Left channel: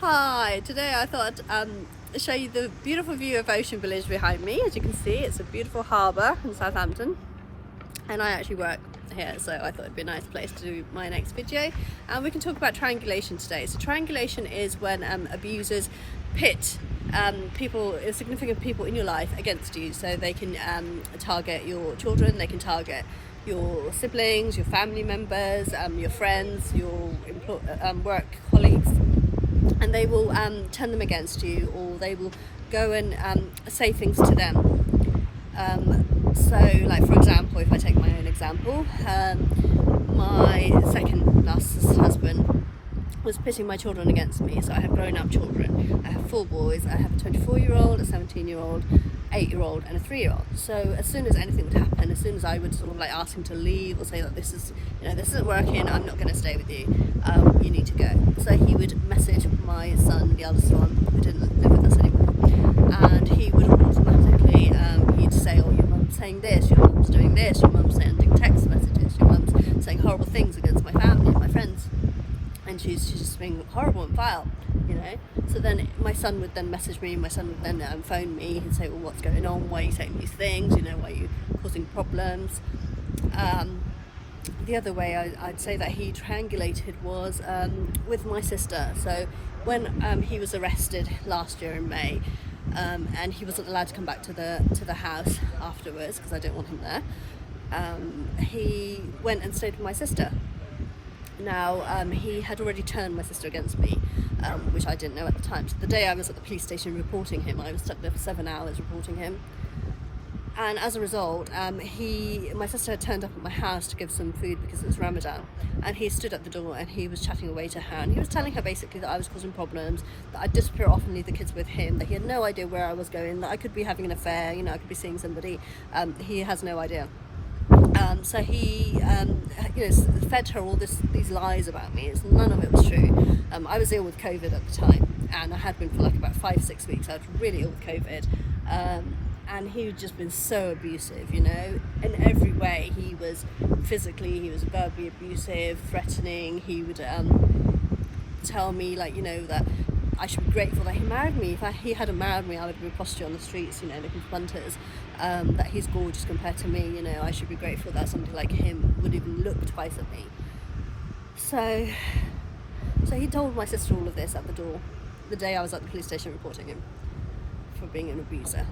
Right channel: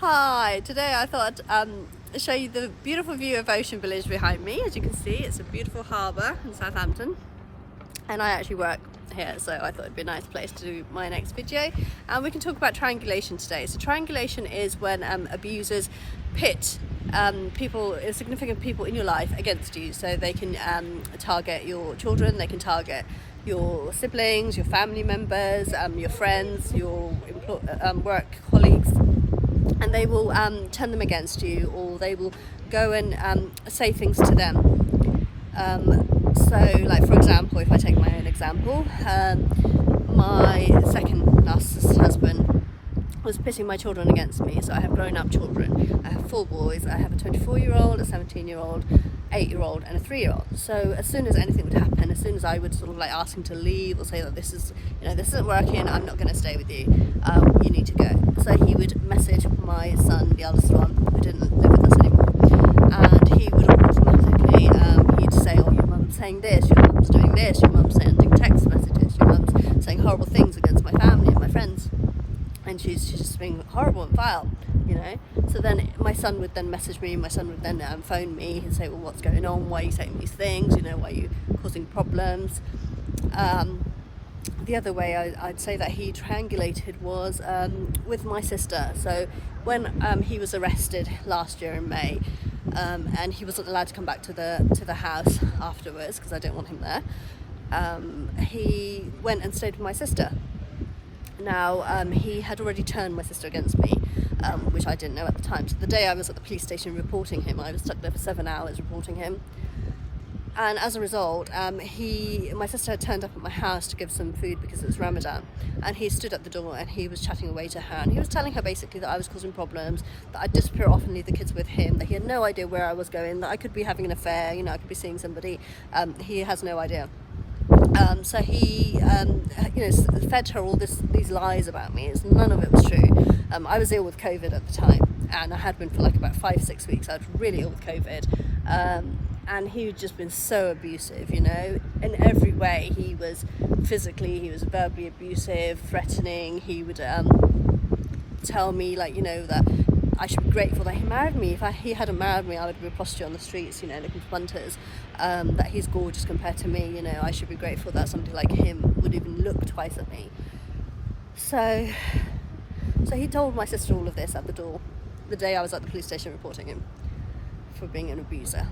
Hi, today I thought I'd show you the beautiful view of Ocean Village behind me. As you can see, it's a beautiful harbour in Southampton, and I actually work here, so I thought it'd be a nice place to do my next video. And we can talk about triangulation today. So triangulation is when abusers pit significant people in your life against you, so they can target your children, they can target your siblings, your family members, your friends, your work colleagues, and they will turn them against you, or they will go and say things to them. So like, for example, if I take my own example, my second narcissist husband was pitting my children against me. So I have grown up children. I have 4 boys. I have a 24-year-old, a 17-year-old, 8-year-old and a 3-year-old. So as soon as anything would happen, as soon as I would sort of like ask him to leave or say that this isn't working, I'm not going to stay with you, you need to go. So he would message my son, the eldest one, who didn't live with us anymore, and he would automatically he'd say, oh, your mum's saying this, your mum's doing this, your mum's sending text messages, your mum's saying horrible things against my family and my friends, and she's just being horrible and vile, So then my son would then message me, my son would then phone me, he'd say, well, what's going on, why are you saying these things, why are you causing problems? The other way I'd say that he triangulated was with my sister. So when he was arrested last year in May, and he wasn't allowed to come back to the house afterwards because I didn't want him there, he went and stayed with my sister. Now, he had already turned my sister against me, which I didn't know at the time. So the day I was at the police station reporting him, I was stuck there for 7 hours reporting him. And as a result, my sister had turned up at my house to give some food because it was Ramadan. And he stood at the door and he was chatting away to her. And he was telling her basically that I was causing problems, that I'd disappear off and leave the kids with him, that he had no idea where I was going, that I could be having an affair, I could be seeing somebody. He has no idea. So he, fed her all these lies about me. None of it was true. I was ill with COVID at the time, and I had been for like about 5-6 weeks. I was really ill with COVID, and he had just been so abusive, in every way. He was physically, he was verbally abusive, threatening. He would tell me that I should be grateful that he married me. If he hadn't married me, I would be a prostitute on the streets, looking for punters. That he's gorgeous compared to me, I should be grateful that somebody like him would even look twice at me. So he told my sister all of this at the door the day I was at the police station reporting him for being an abuser.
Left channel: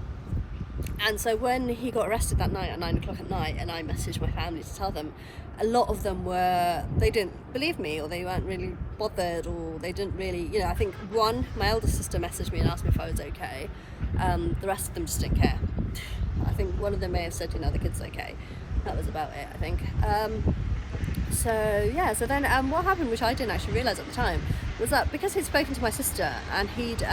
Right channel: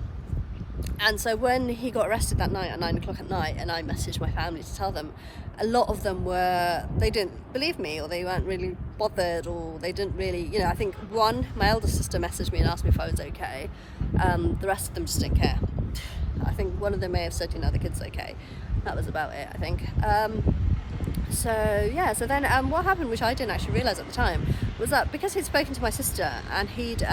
And so when he got arrested that night at 9 o'clock at night, and I messaged my family to tell them, a lot of them they didn't believe me, or they weren't really bothered, or they didn't really, I think my eldest sister messaged me and asked me if I was okay. The rest of them just didn't care. I think one of them may have said, the kid's okay. That was about it, I think. So then what happened, which I didn't actually realise at the time, was that because he'd spoken to my sister and he'd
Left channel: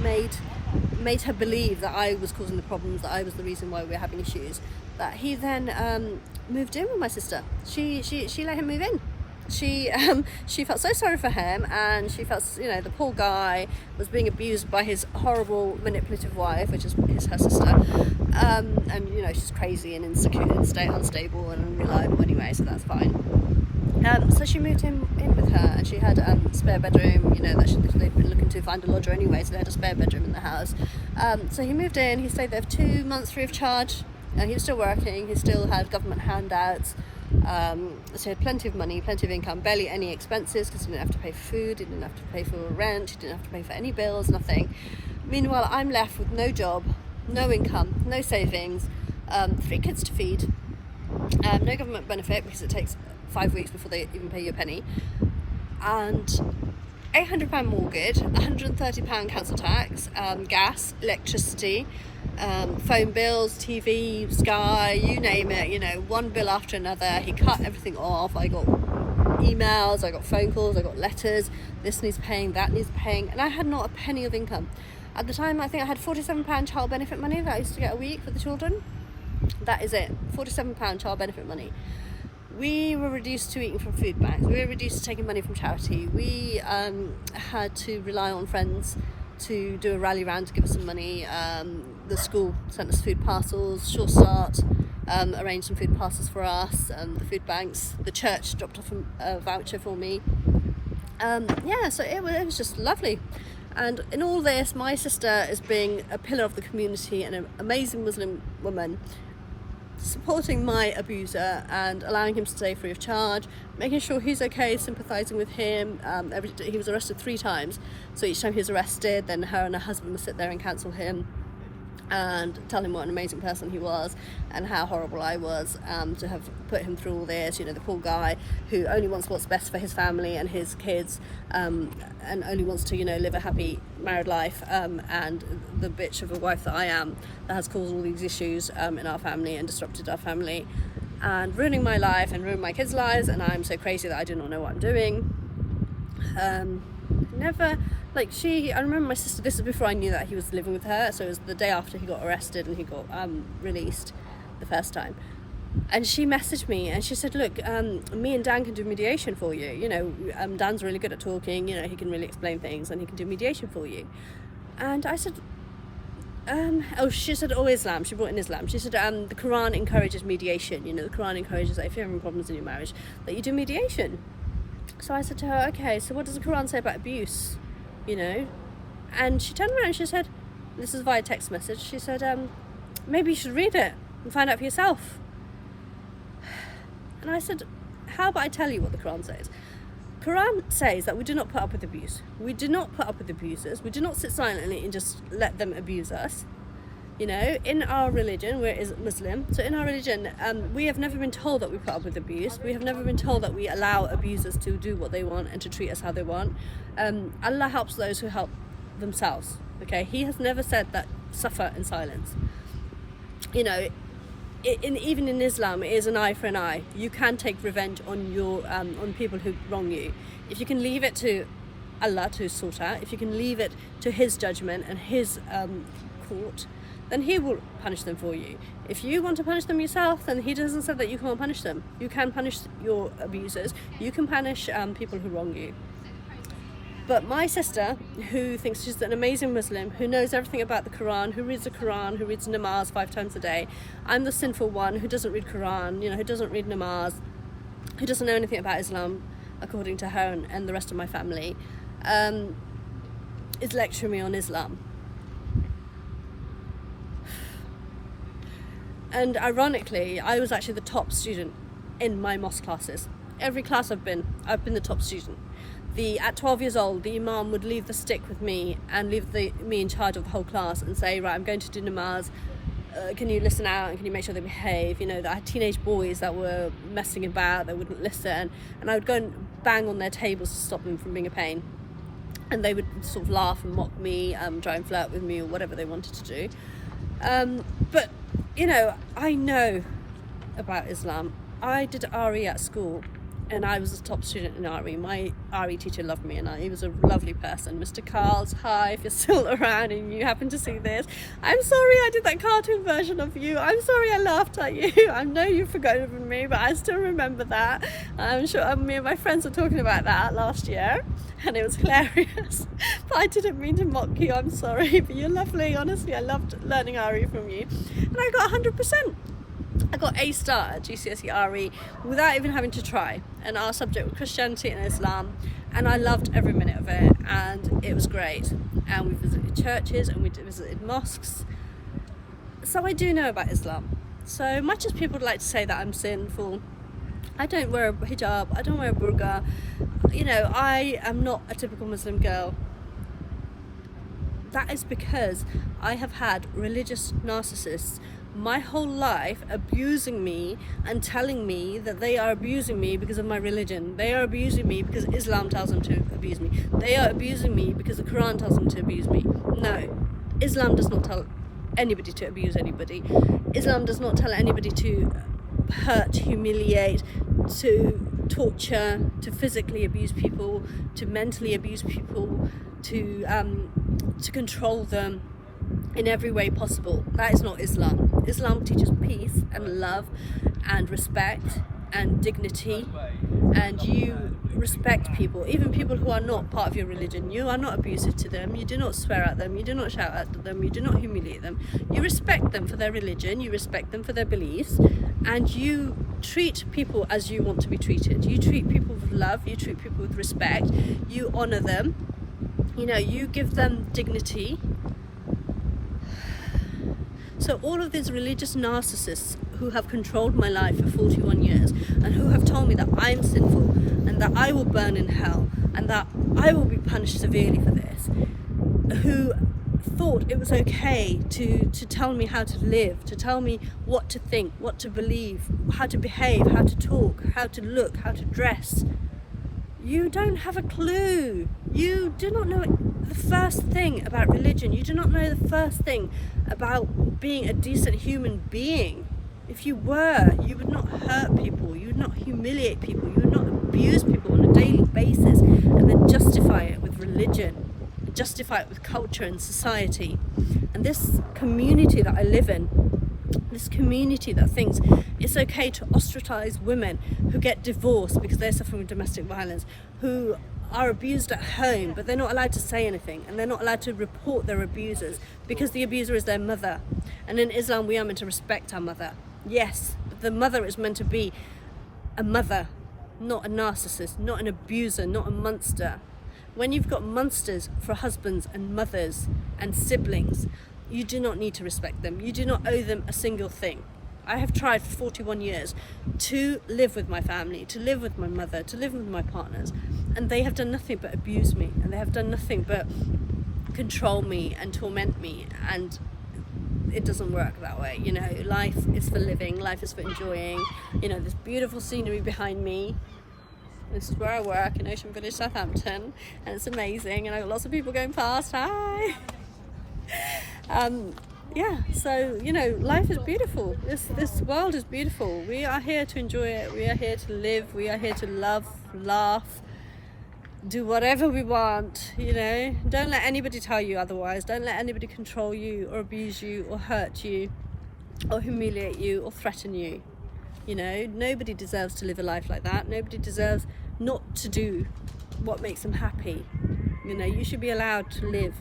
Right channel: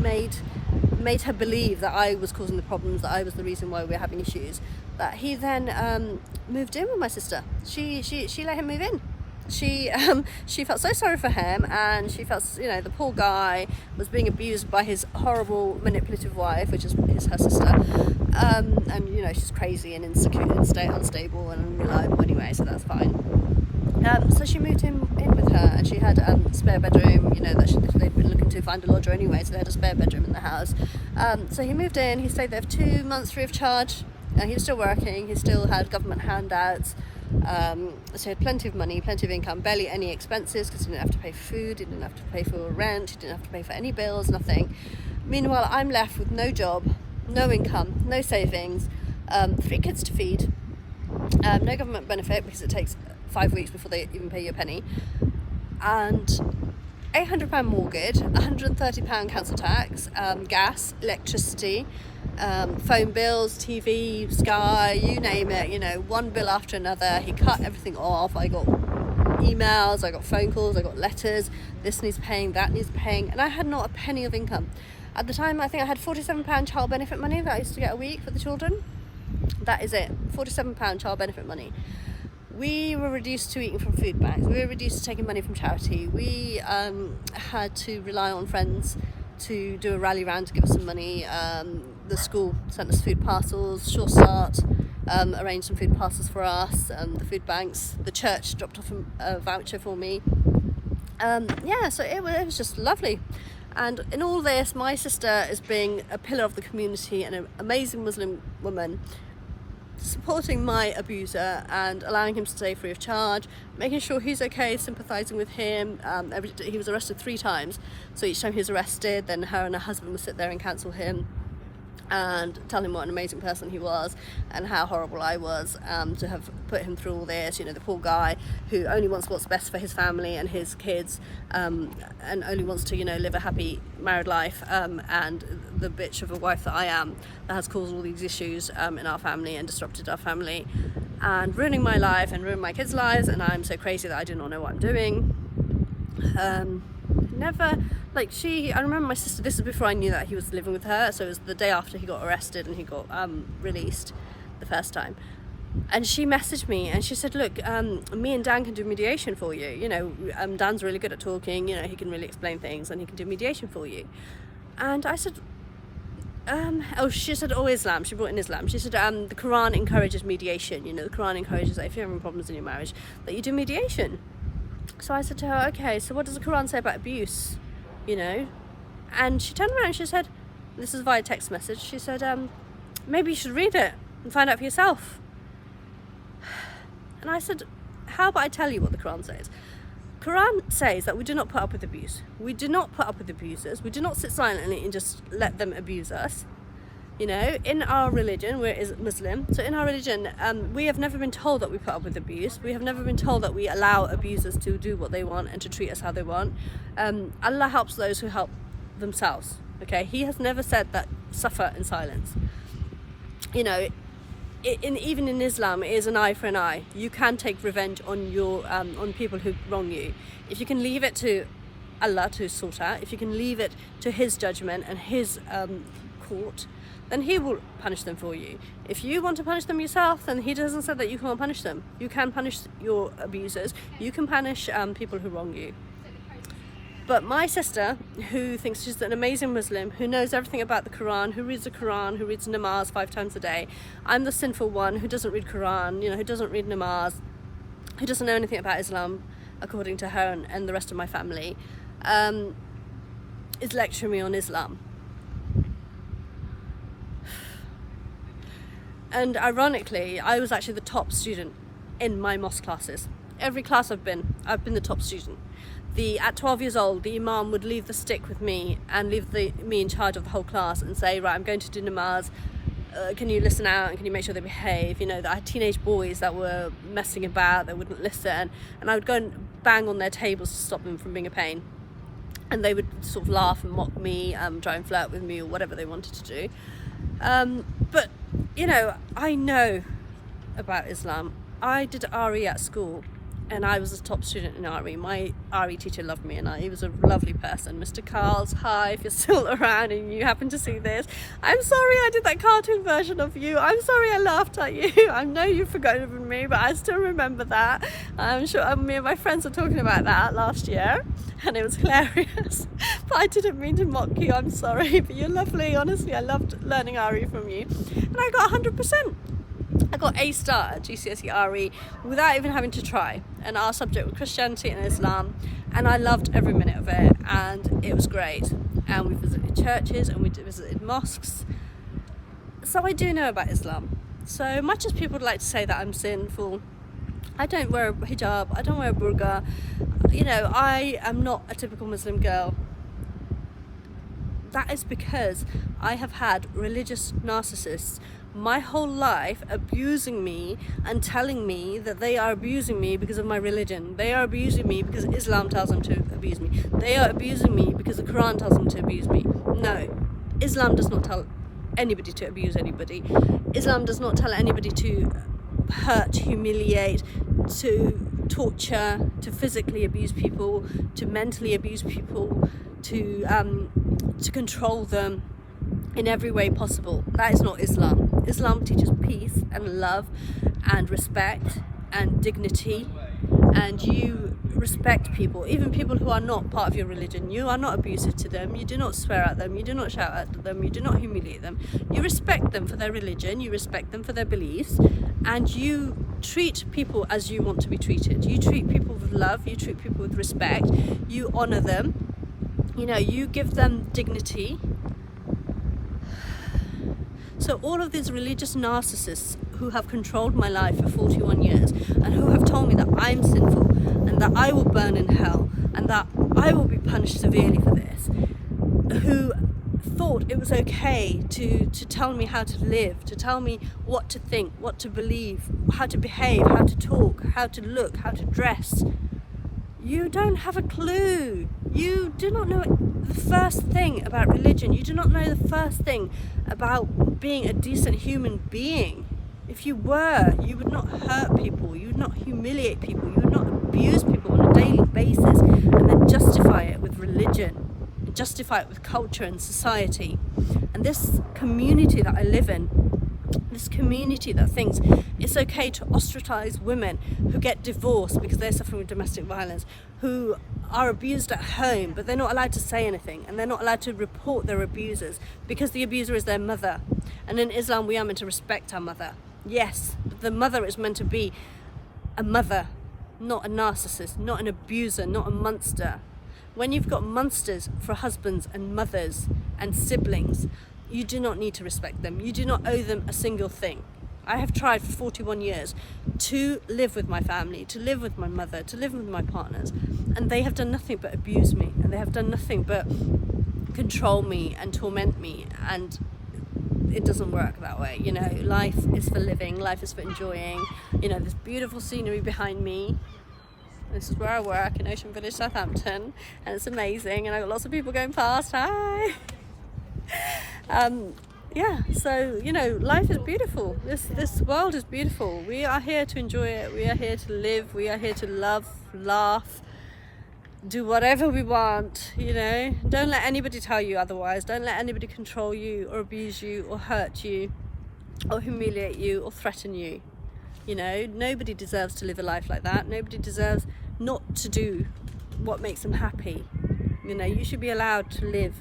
made her believe that I was causing the problems, that I was the reason why we were having issues, that he then moved in with my sister. She let him move in. She felt so sorry for him, and she felt, the poor guy was being abused by his horrible manipulative wife, which is her sister, and she's crazy and insecure and unstable and unreliable anyway, so that's fine. So she moved him in with her, and she had a spare bedroom, that they'd been looking to find a lodger anyway, so they had a spare bedroom in the house. So he moved in, he stayed there for 2 months free of charge, and he was still working, he still had government handouts. So he had plenty of money, plenty of income, barely any expenses, because he didn't have to pay for food, he didn't have to pay for rent, he didn't have to pay for any bills, nothing. Meanwhile, I'm left with no job, no income, no savings, 3 kids to feed, no government benefit because it takes 5 weeks before they even pay you a penny, and £800 mortgage, £130 council tax, gas, electricity, phone bills, TV, Sky, you name it, one bill after another. He cut everything off. I got emails, I got phone calls, I got letters, this needs paying, that needs paying, and I had not a penny of income. At the time, I think I had £47 child benefit money that I used to get a week for the children. That is it, £47 child benefit money. We were reduced to eating from food banks. We were reduced to taking money from charity. We had to rely on friends to do a rally round to give us some money. The school sent us food parcels. Sure Start arranged some food parcels for us. The food banks. The church dropped off a voucher for me. Yeah, so it was just lovely. And in all this, my sister is being a pillar of the community and an amazing Muslim woman, supporting my abuser and allowing him to stay free of charge, making sure he's okay, sympathising with him. He was arrested 3 times, so each time he was arrested, then her and her husband would sit there and counsel him and tell him what an amazing person he was and how horrible I was to have put him through all this. You know, the poor guy who only wants what's best for his family and his kids, and only wants to, you know, live a happy married life, and the bitch of a wife that I am, that has caused all these issues in our family and disrupted our family and ruining my life and ruining my kids' lives, and I'm so crazy that I do not know what I'm doing. I remember my sister, this is before I knew that he was living with her, so it was the day after he got arrested and he got released the first time. And she messaged me and she said, look, me and Dan can do mediation for you. You know, Dan's really good at talking, you know, he can really explain things and he can do mediation for you. And I said, she said, Islam. She brought in Islam. She said, the Quran encourages mediation. You know, the Quran encourages that if you're having problems in your marriage, that you do mediation. So I said to her, okay, so what does the Quran say about abuse? You know? And she turned around and she said, this is via text message, she said, maybe you should read it and find out for yourself. And I said, how about I tell you what the Quran says? Quran says that we do not put up with abuse. We do not put up with abusers. We do not sit silently and just let them abuse us. You know, in our religion, we're Muslim, so in our religion, we have never been told that we put up with abuse. We have never been told that we allow abusers to do what they want and to treat us how they want. Allah helps those who help themselves, okay? He has never said that suffer in silence. You know, even in Islam, it is an eye for an eye. You can take revenge on people who wrong you. If you can leave it to Allah to sort out, if you can leave it to His judgment and His court, then He will punish them for you. If you want to punish them yourself, then He doesn't say that you can't punish them. You can punish your abusers. You can punish people who wrong you. But my sister, who thinks she's an amazing Muslim, who knows everything about the Quran, who reads the Quran, who reads namaz 5 times a day, I'm the sinful one who doesn't read Quran, you know, who doesn't read namaz, who doesn't know anything about Islam, according to her and the rest of my family, is lecturing me on Islam. And ironically, I was actually the top student in my mosque classes. Every class I've been the top student. At 12 years old, the Imam would leave the stick with me and leave me in charge of the whole class and say, right, I'm going to do namaz, can you listen out and can you make sure they behave? You know, I had teenage boys that were messing about, they wouldn't listen, and I would go and bang on their tables to stop them from being a pain. And they would sort of laugh and mock me, try and flirt with me or whatever they wanted to do. But, you know, I know about Islam. I did RE at school and I was a top student in RE. My RE teacher loved me and he was a lovely person. Mr. Carls, hi, if you're still around and you happen to see this. I'm sorry I did that cartoon version of you. I'm sorry I laughed at you. I know you've forgotten me, but I still remember that. I'm sure me and my friends were talking about that last year and it was hilarious. But I didn't mean to mock you, I'm sorry, but you're lovely. Honestly, I loved learning RE from you. And I got 100%. I got A star at GCSE RE without even having to try, and our subject was Christianity and Islam, and I loved every minute of it and it was great. And we visited churches and we visited mosques, so I do know about Islam. So much as people would like to say that I'm sinful, I don't wear a hijab, I don't wear a burqa, you know, I am not a typical Muslim girl. That is because I have had religious narcissists my whole life abusing me and telling me that they are abusing me because of my religion. They are abusing me because Islam tells them to abuse me. They are abusing me because the Quran tells them to abuse me. No, Islam does not tell anybody to abuse anybody. Islam does not tell anybody to hurt, humiliate, to torture, to physically abuse people, to mentally abuse people, to control them in every way possible. That is not Islam. Islam teaches peace and love and respect and dignity and you respect people, even people who are not part of your religion. You are not abusive to them, you do not swear at them, you do not shout at them, you do not humiliate them. You respect them for their religion, you respect them for their beliefs, and you treat people as you want to be treated. You treat people with love, you treat people with respect, you honor them, you know, you give them dignity. So all of these religious narcissists who have controlled my life for 41 years and who have told me that I'm sinful and that I will burn in hell and that I will be punished severely for this, who thought it was okay to tell me how to live, to tell me what to think, what to believe, how to behave, how to talk, how to look, how to dress. You don't have a clue. You do not know the first thing about religion. You do not know the first thing about being a decent human being. If you were, you would not hurt people, you would not humiliate people, you would not abuse people on a daily basis and then justify it with religion, justify it with culture and society. And this community that I live in, this community that thinks it's okay to ostracize women who get divorced because they're suffering with domestic violence, who are abused at home but they're not allowed to say anything and they're not allowed to report their abusers because the abuser is their mother. And in Islam we are meant to respect our mother. Yes, but the mother is meant to be a mother, not a narcissist, not an abuser, not a monster. When you've got monsters for husbands and mothers and siblings, you do not need to respect them. You do not owe them a single thing. I have tried for 41 years to live with my family, to live with my mother, to live with my partners, and they have done nothing but abuse me, and they have done nothing but control me and torment me, and it doesn't work that way. You know, life is for living, life is for enjoying. You know, this beautiful scenery behind me, this is where I work in Ocean Village, Southampton, and it's amazing, and I've got lots of people going past. Hi. Yeah, so, you know, life is beautiful. This world is beautiful. We are here to enjoy it. We are here to live. We are here to love, laugh, do whatever we want, you know. Don't let anybody tell you otherwise. Don't let anybody control you or abuse you or hurt you or humiliate you or threaten you. You know, nobody deserves to live a life like that. Nobody deserves not to do what makes them happy. You know, you should be allowed to live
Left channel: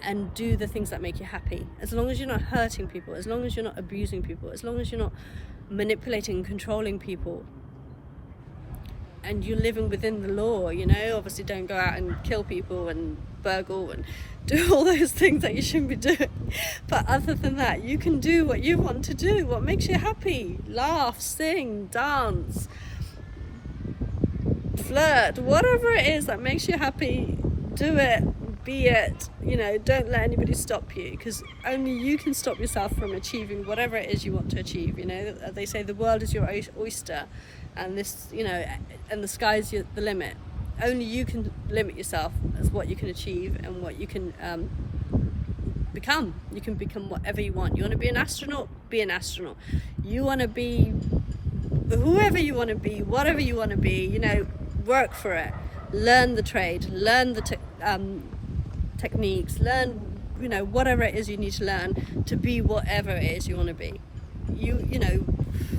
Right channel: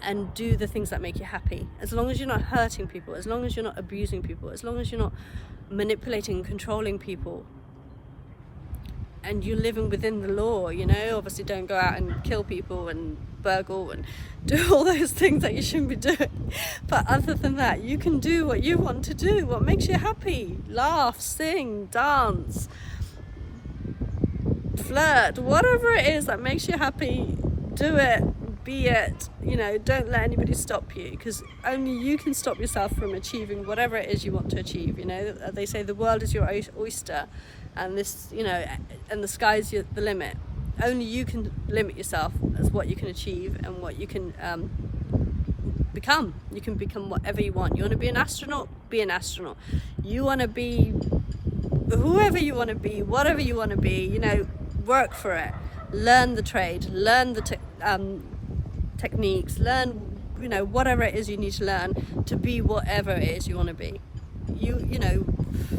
and do the things that make you happy, as long as you're not hurting people, as long as you're not abusing people, as long as you're not manipulating and controlling people, and you're living within the law. You know, obviously don't go out and kill people and burgle and do all those things that you shouldn't be doing, but other than that, you can do what you want to do, what makes you happy. Laugh, sing, dance, flirt, whatever it is that makes you happy, do it. Be it, you know, don't let anybody stop you, because only you can stop yourself from achieving whatever it is you want to achieve. You know, they say the world is your oyster, and this, you know, and the sky's the limit. Only you can limit yourself as what you can achieve and what you can become. You can become whatever you want. You want to be an astronaut? Be an astronaut. You want to be whoever you want to be, whatever you want to be, you know, work for it. Learn the trade, learn the techniques, learn, you know, whatever it is you need to learn to be whatever it is you want to be. You know,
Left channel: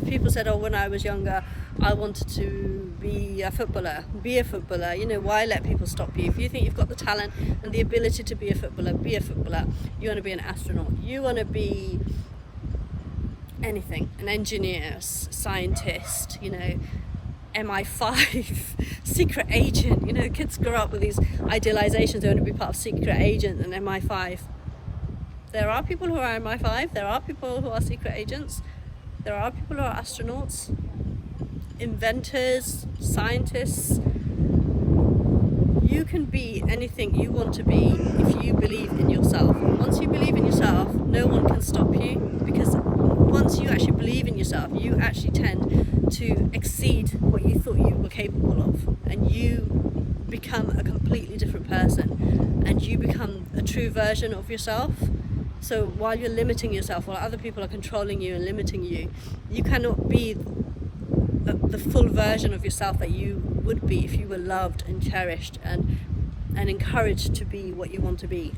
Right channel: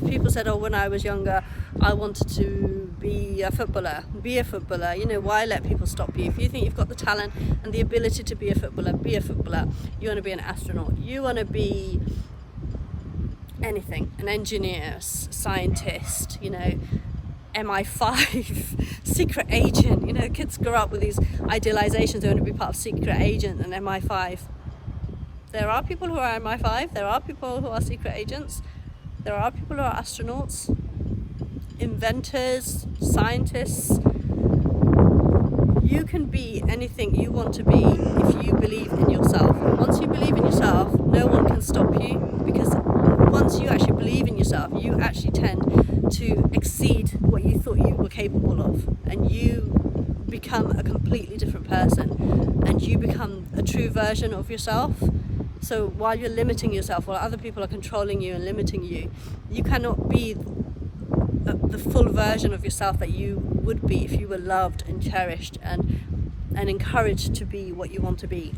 people said, oh, when I was younger I wanted to be a footballer. Be a footballer. You know, why let people stop you? If you think you've got the talent and the ability to be a footballer, be a footballer. You want to be an astronaut, you want to be anything, an engineer, scientist, you know, MI5, secret agent. You know, kids grow up with these idealizations. They want to be part of secret agent and MI5. There are people who are MI5, there are people who are secret agents, there are people who are astronauts, inventors, scientists. You can be anything you want to be if you believe in yourself. Once you believe in yourself, no one can stop you, because once you actually believe in yourself, you actually tend to exceed what you thought you were capable of, and you become a completely different person, and you become a true version of yourself. So while you're limiting yourself, while other people are controlling you and limiting you, you cannot be the full version of yourself that you would be if you were loved and cherished and encouraged to be what you want to be.